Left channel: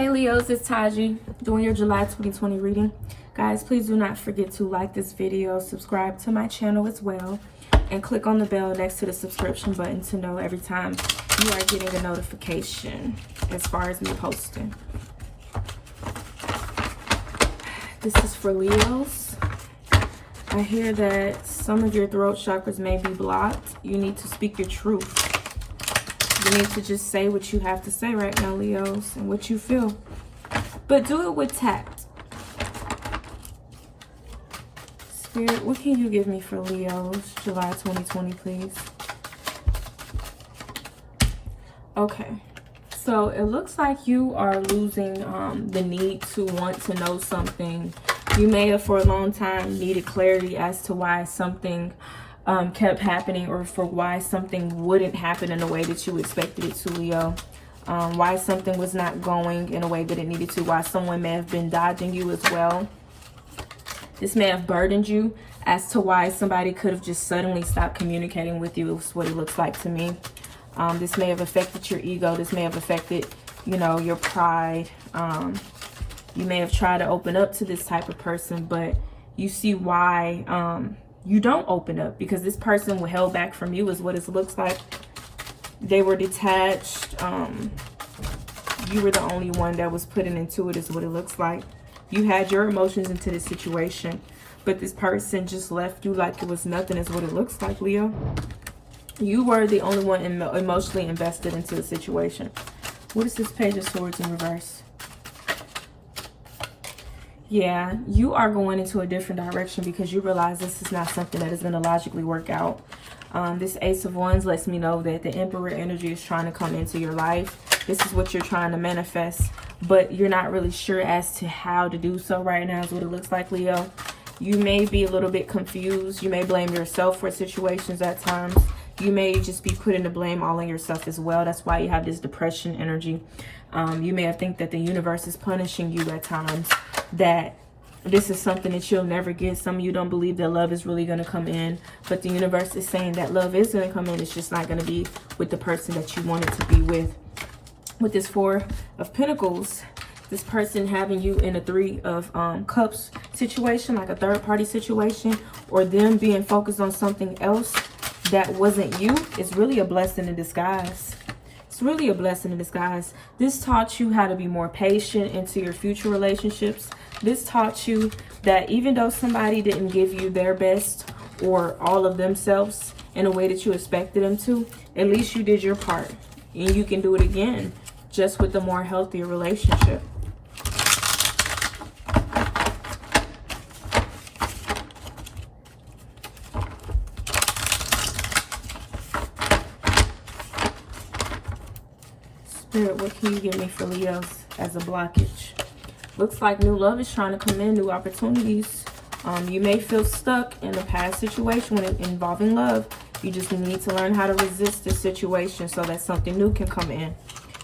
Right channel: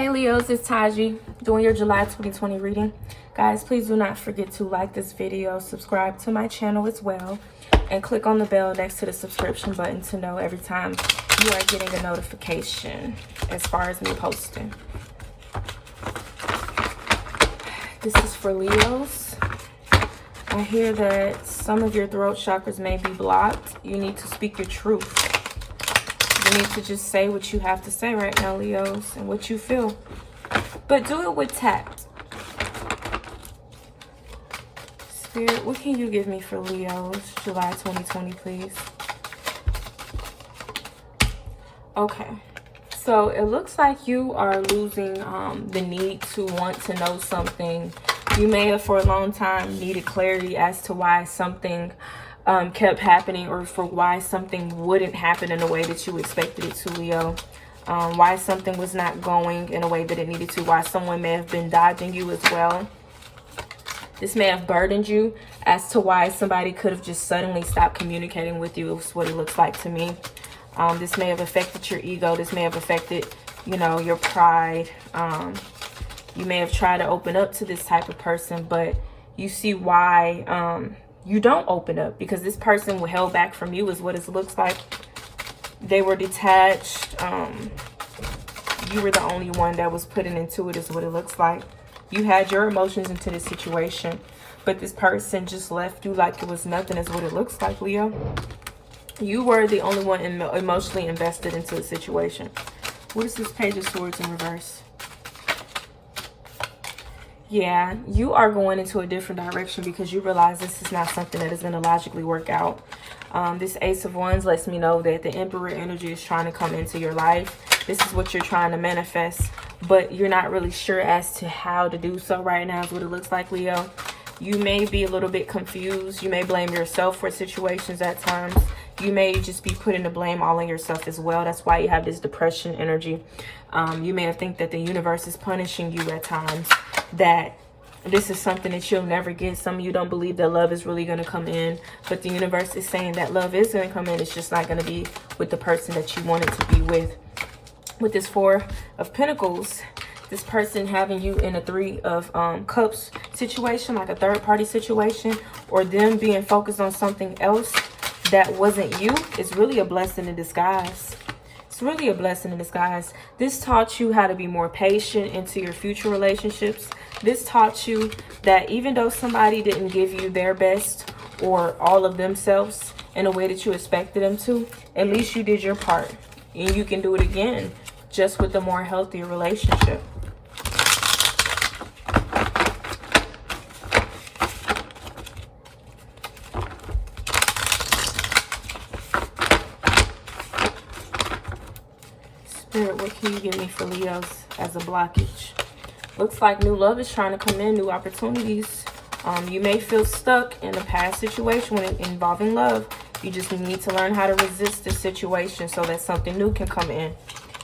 Hey Leos, it's Taji doing your July 2020 reading. Guys, please do not forget to like this video, subscribe to my channel as well, and click on the bell next to the subscription button to know every time you are getting a notification as far as me posting. This is for Leos. I hear that some of your throat chakras may be blocked. You need to speak your truth. You need to just say what you have to say right now, Leos, and what you feel. But do it with tact. Spirit, what can you give me for Leos, July 2020, please? Okay. So it looks like you are losing the need to want to know something. You may have for a long time needed clarity as to why something kept happening, or for why something wouldn't happen in a way that you expected it to, Leo. Why something was not going in a way that it needed to. Why someone may have been dodging you as well. This may have burdened you as to why somebody could have just suddenly stopped communicating with you. Is what it looks like to me. This may have affected your ego. This may have affected, you know, your pride. You may have tried to open up to this type of person, but you see why you don't open up, because this person was held back from you is what it looks like. They were detached. You were the only one that was putting into it is what it looks like. You had your emotions into the situation, but this person just left you like it was nothing is what it looks like, Leo. You were the only one emotionally invested into the situation. What is this Page of Swords in reverse? Yeah, you are going into a different direction because you realize this is not something that is going to logically work out. This Ace of Wands lets me know that the Emperor energy is trying to come into your life. This is what you're trying to manifest, but you're not really sure as to how to do so right now is what it looks like, Leo. You may be a little bit confused. You may blame yourself for situations at times. You may just be putting the blame all on yourself as well. That's why you have this depression energy. You may have think that the universe is punishing you at times, that this is something that you'll never get. Some of you don't believe that love is really going to come in, but the universe is saying that love is going to come in. It's just not going to be with the person that you want it to be with. With this Four of Pentacles, this person having you in a Three of Cups situation, like a third party situation, or them being focused on something else that wasn't you, is really a blessing in disguise. It's really a blessing in disguise. This taught you how to be more patient into your future relationships. This taught you that even though somebody didn't give you their best or all of themselves in a way that you expected them to, at least you did your part. And you can do it again, just with a more healthy relationship. Spirit, what can you give me for Leos as a blockage? Looks like new love is trying to come in, new opportunities. You may feel stuck in a past situation involving love. You just need to learn how to resist this situation so that something new can come in.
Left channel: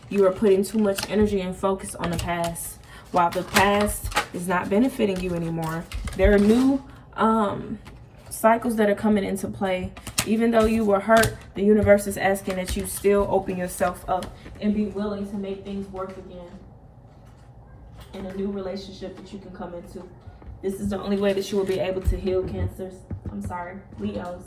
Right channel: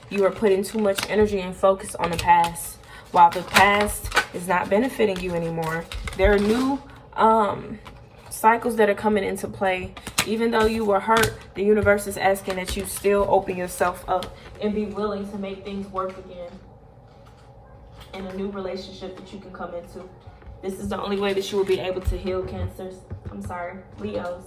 You are putting too much energy and focus on the past, while the past is not benefiting you anymore. There are new cycles that are coming into play. Even though you were hurt, the universe is asking that you still open yourself up and be willing to make things work again in a new relationship that you can come into. This is the only way that you will be able to heal Cancers. Leos.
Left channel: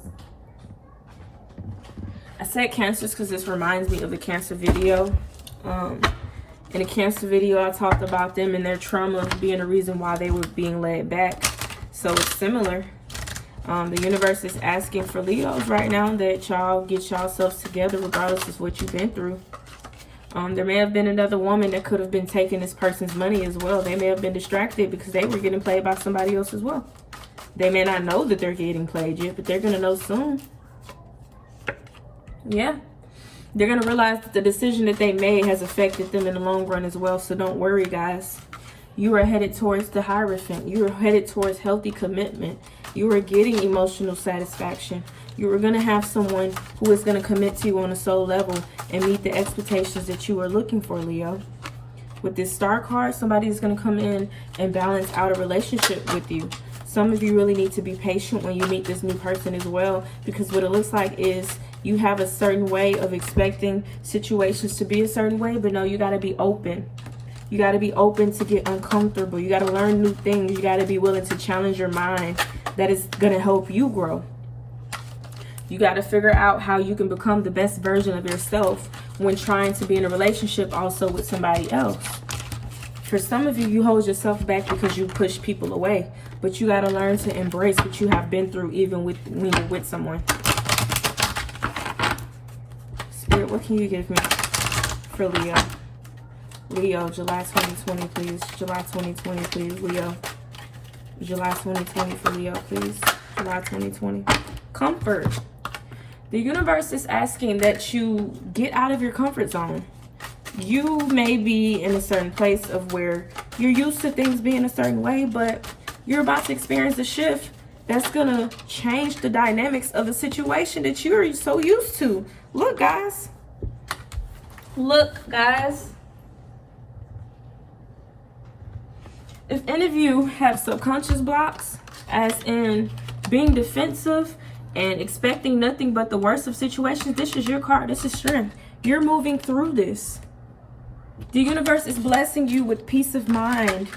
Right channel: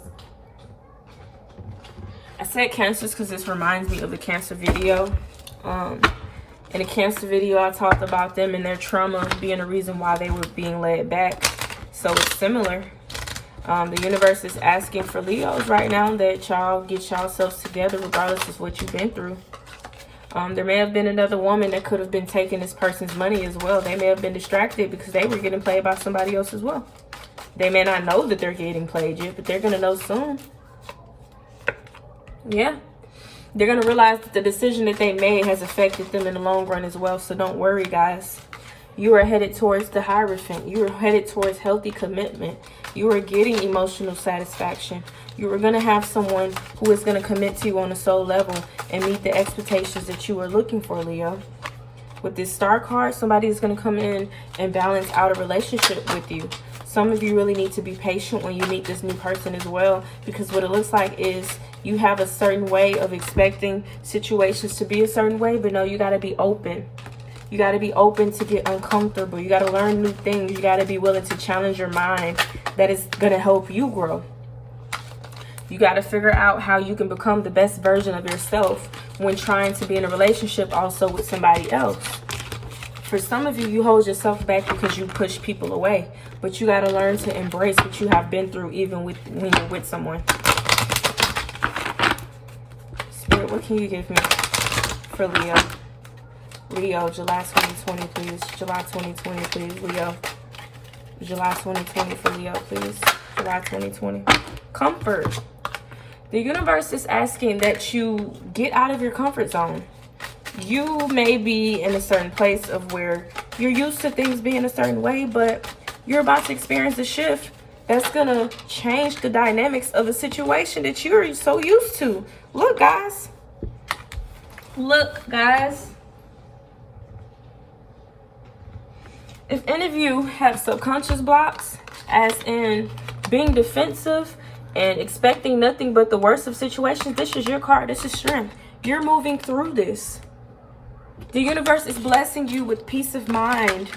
I said Cancers because this reminds me of the Cancer video. In the Cancer video, I talked about them and their trauma being the reason why they were being led back. So it's similar. The universe is asking for Leos right now that y'all get yourselves together regardless of what you've been through. There may have been another woman that could have been taking this person's money as well. They may have been distracted because they were getting played by somebody else as well. They may not know that they're getting played yet, but they're going to know soon. Yeah. They're going to realize that the decision that they made has affected them in the long run as well. So don't worry, guys. You are headed towards the Hierophant. You are headed towards healthy commitment. You are getting emotional satisfaction. You are going to have someone who is going to commit to you on a soul level and meet the expectations that you are looking for, Leo. With this Star card, somebody is going to come in and balance out a relationship with you. Some of you really need to be patient when you meet this new person as well, because what it looks like is you have a certain way of expecting situations to be a certain way, but no, you got to be open. You got to be open to get uncomfortable. You got to learn new things. You got to be willing to challenge your mind. That is going to help you grow. You got to figure out how you can become the best version of yourself when trying to be in a relationship also with somebody else. For some of you, you hold yourself back because you push people away. But you got to learn to embrace what you have been through even when you're with someone. Spirit, what can you give me for Leo? Leo, July 2020, please. July 2020, please. Leo. July 2020 for Leo, please. July 2020. Comfort. The universe is asking that you get out of your comfort zone. You may be in a certain place of where you're used to things being a certain way, but you're about to experience a shift that's going to change the dynamics of the situation that you're so used to. Look, guys. Look, guys. If any of you have subconscious blocks, as in being defensive and expecting nothing but the worst of situations, this is your card. This is strength. You're moving through this. The universe is blessing you with peace of mind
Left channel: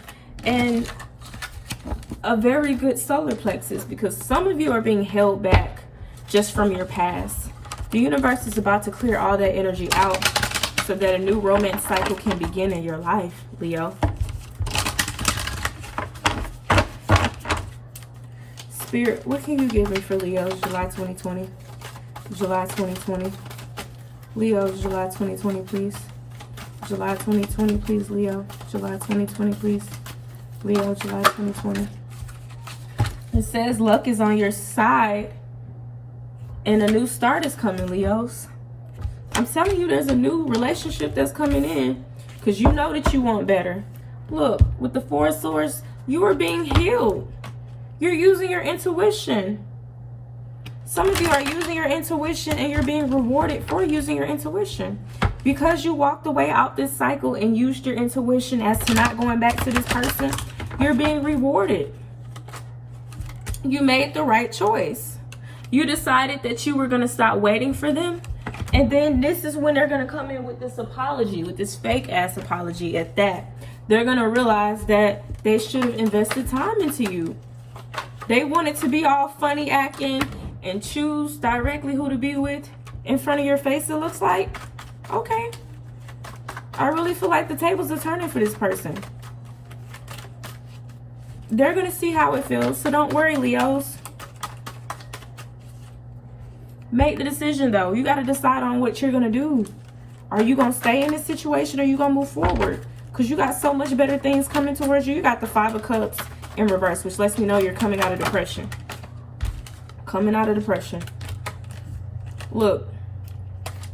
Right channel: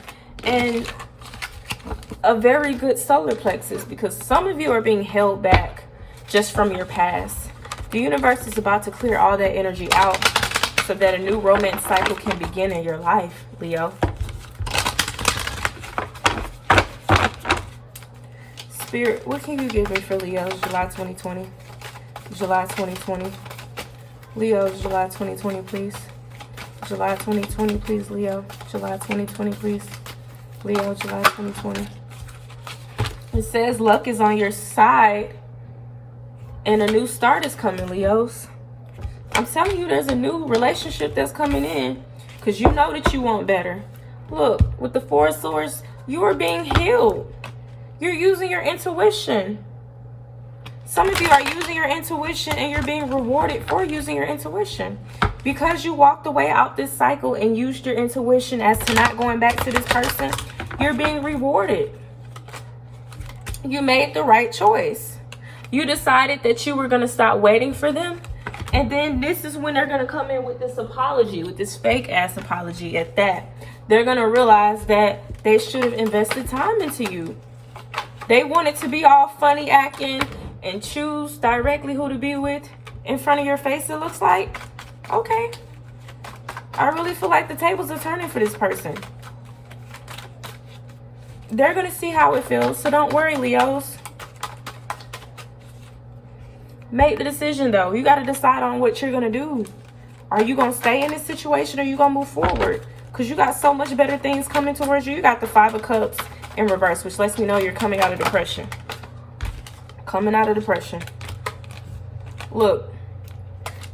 and a very good solar plexus, because some of you are being held back just from your past. The universe is about to clear all that energy out so that a new romance cycle can begin in your life, Leo. Spirit, what can you give me for Leo, July 2020? July 2020. Leo, July 2020, please. July 2020, please, Leo. July 2020, please. Leo, July 2020. It says luck is on your side and a new start is coming, Leos. I'm telling you, there's a new relationship that's coming in because you know that you want better. Look, with the Four of Swords, you are being healed. You're using your intuition. Some of you are using your intuition and you're being rewarded for using your intuition. Because you walked away out this cycle and used your intuition as to not going back to this person, you're being rewarded. You made the right choice. You decided that you were going to stop waiting for them. And then this is when they're going to come in with this apology, with this fake ass apology at that. They're going to realize that they should have invested time into you. They wanted to be all funny acting and choose directly who to be with in front of your face, it looks like. Okay. I really feel like the tables are turning for this person. They're going to see how it feels, so don't worry, Leos. Make the decision, though. You got to decide on what you're going to do. Are you going to stay in this situation or are you going to move forward? Because you got so much better things coming towards you. You got the Five of Cups in reverse, which lets me know you're coming out of depression. Coming out of depression. Look,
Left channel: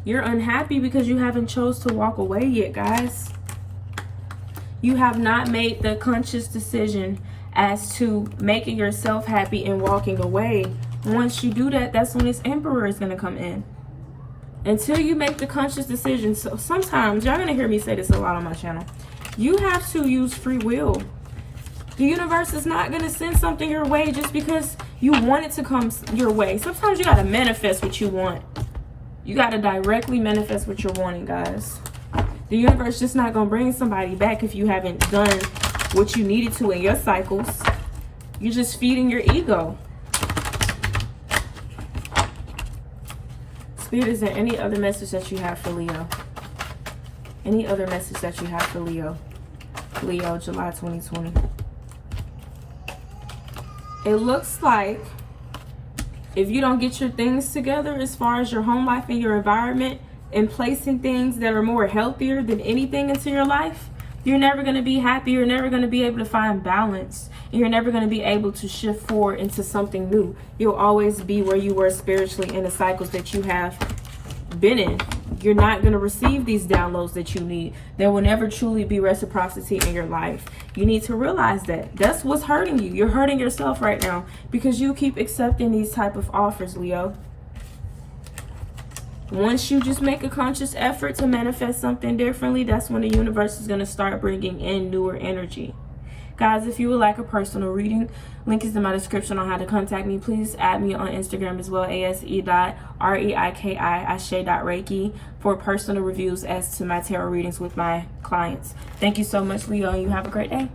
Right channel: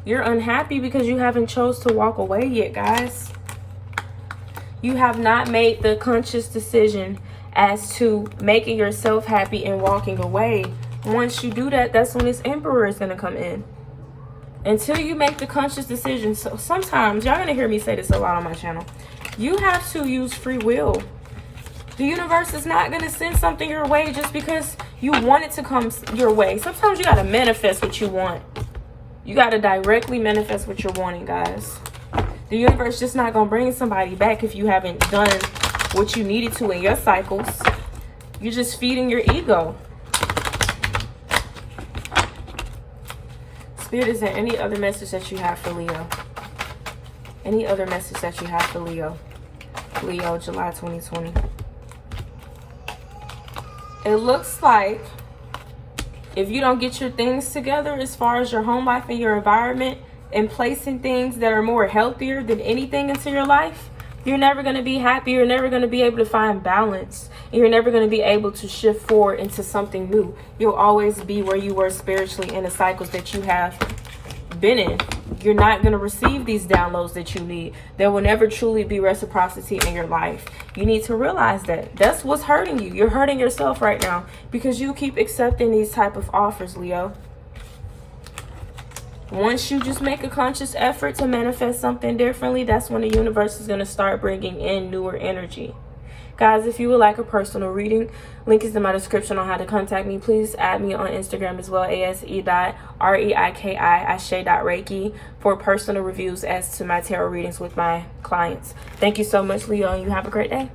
you're unhappy because you haven't chose to walk away yet, guys. You have not made the conscious decision as to making yourself happy and walking away. Once you do that, that's when this Emperor is going to come in. Until you make the conscious decision. So sometimes, y'all going to hear me say this a lot on my channel, you have to use free will. The universe is not going to send something your way just because you want it to come your way. Sometimes you got to manifest what you want. You got to directly manifest what you're wanting, guys. The universe is just not going to bring somebody back if you haven't done what you needed to in your cycles. You're just feeding your ego. Spirit, is there any other message that you have for Leo? Any other message that you have for Leo? Leo, July 2020. It looks like if you don't get your things together as far as your home life and your environment and placing things that are more healthier than anything into your life, you're never going to be happy. You're never going to be able to find balance. And you're never going to be able to shift forward into something new. You'll always be where you were spiritually in the cycles that you have been in. You're not going to receive these downloads that you need. There will never truly be reciprocity in your life. You need to realize that. That's what's hurting you. You're hurting yourself right now because you keep accepting these type of offers, Leo. Once you just make a conscious effort to manifest something differently, that's when the universe is going to start bringing in newer energy. Guys, if you would like a personal reading, link is in my description on how to contact me. Please add me on Instagram as well, ase.reiki, for personal reviews as to my tarot readings with my clients. Thank you so much, Leo, and you have a great day.